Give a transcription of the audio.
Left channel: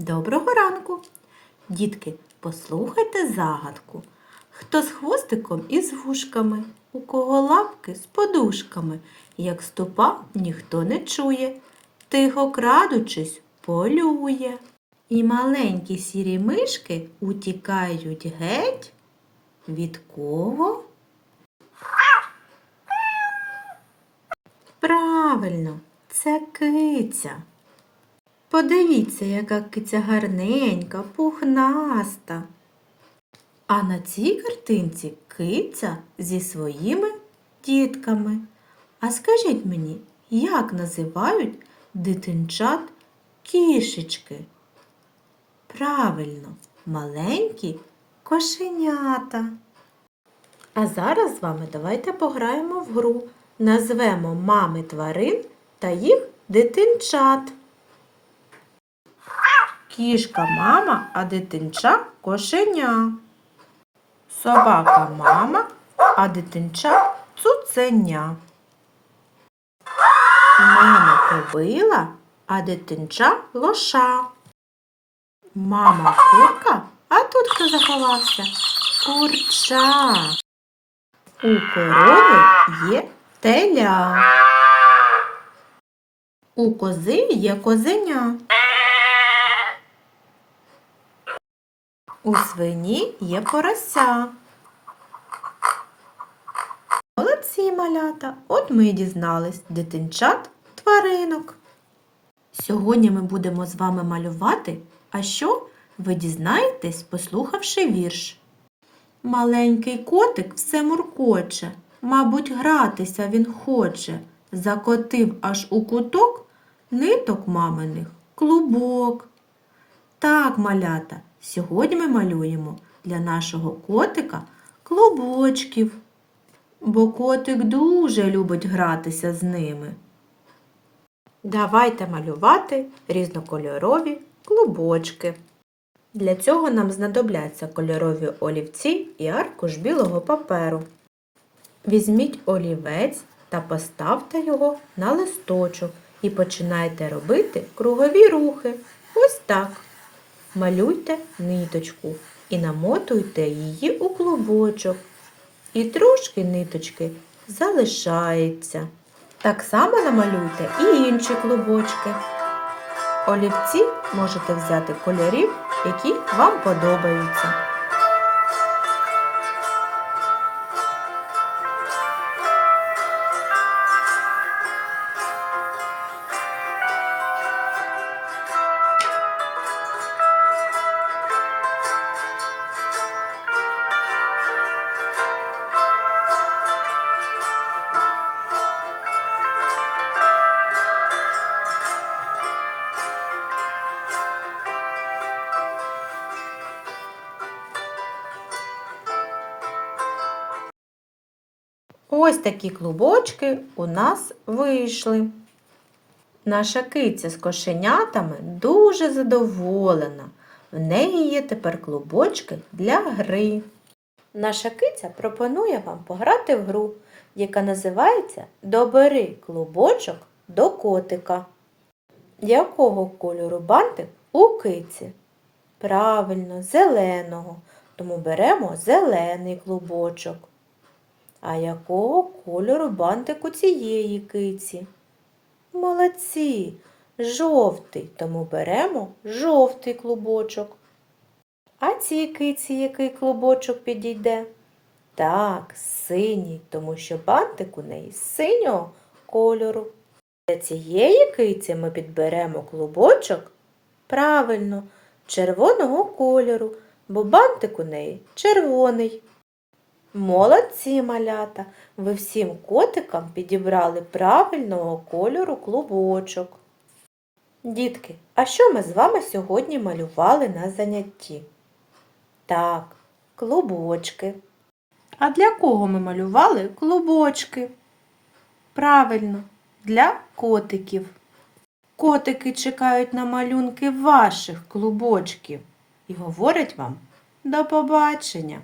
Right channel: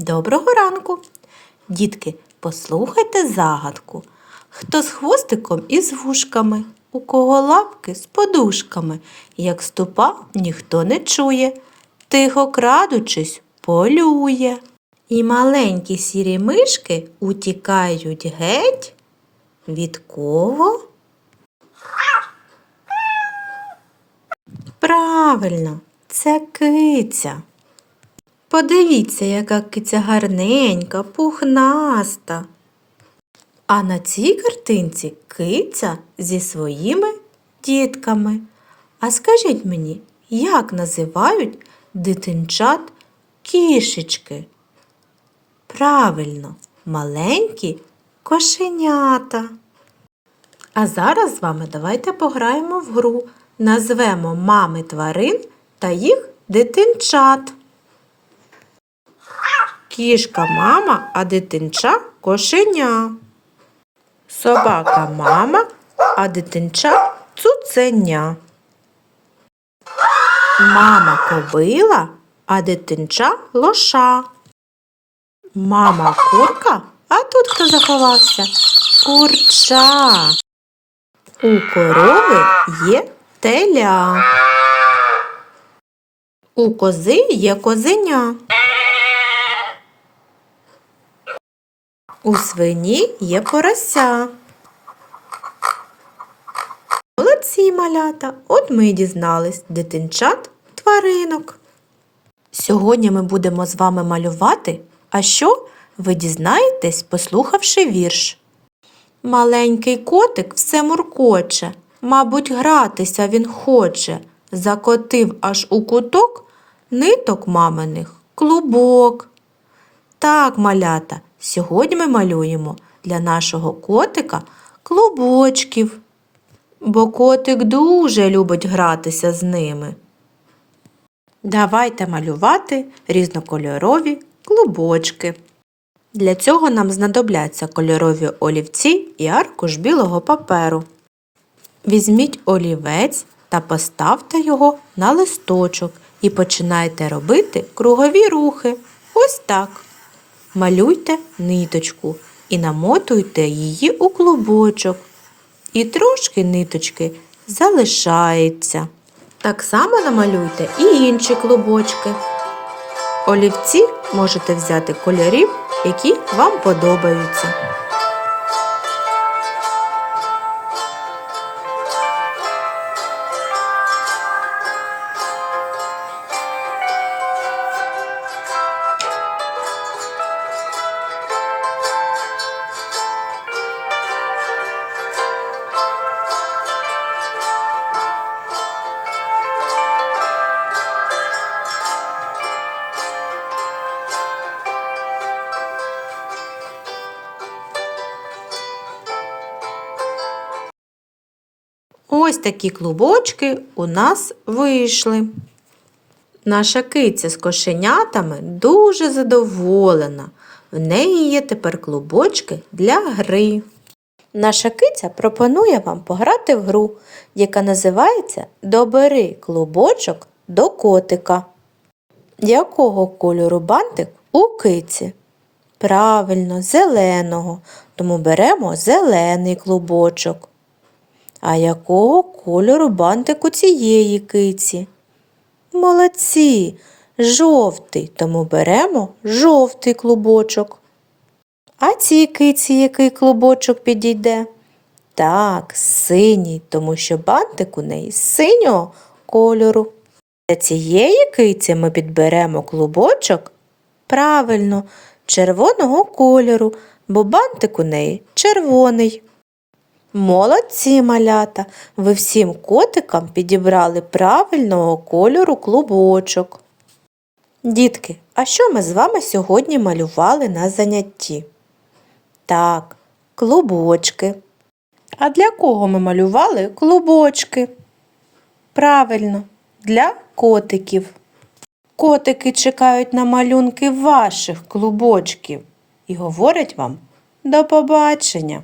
Доброго ранку! Дітки, послухайте загадку. Хто з хвостиком і з вушками, у кого лапки з подушками, як ступа ніхто не чує, тихо крадучись, полює. І маленькі сірі мишки утікають геть. Від кого? Правильно, це киця. Подивіться, яка киця гарненька, пухнаста. А на цій картинці киця зі своїми дітками. А скажіть мені, як називають дитинчат кішечки? Правильно, маленькі кошенята. А зараз з вами давайте пограємо в гру. Назвемо мами тварин та їх дитинчат. Кішка мама, а дитинча кошеня. Собака мама, а дитинча цуценя. Мама кобила, а дитинча лоша. Мама курка, а тут хто заховався? Курча. У корови є теля. У кози є козеня. У свині є порося. Молодці малята! От ми і дізнались дитинчат тваринок. Сьогодні ми будемо з вами малювати, а що ви дізнаєтесь, послухавши вірш. Маленький котик все муркоче, мабуть, гратися він хоче. Закотив аж у куток ниток маминих клубок. Так, малята, сьогодні ми малюємо для нашого котика клубочків, бо котик дуже любить гратися з ними. Давайте малювати різнокольорові клубочки. Для цього нам знадобляться кольорові олівці і аркуш білого паперу. Візьміть олівець та поставте його на листочок і починайте робити кругові рухи. Ось так. Малюйте ниточку і намотуйте її у клубочок. І трошки ниточки залишається. Так само намалюйте і інші клубочки. Олівці можете взяти кольорів, які вам подобаються. Ось такі клубочки у нас вийшли. Наша киця з кошенятами дуже задоволена. В неї є тепер клубочки для гри. Наша киця пропонує вам пограти в гру, яка називається Добери клубочок до котика. Якого кольору бантик у киці? Правильно, зеленого, тому беремо зелений клубочок. А якого кольору бантик у цієї киці? Молодці, жовтий, тому беремо жовтий клубочок. А цій киці який клубочок підійде? Так, синій, тому що бантик у неї синього кольору. Для цієї киці ми підберемо клубочок правильно, червоного кольору, бо бантик у неї червоний. Молодці малята! Ви всім котикам підібрали правильного кольору клубочок. Дітки, а що ми з вами сьогодні малювали на занятті? Так, клубочки. А для кого ми малювали клубочки? Правильно, для котиків. Котики чекають на малюнки ваших клубочків і говорять вам до побачення!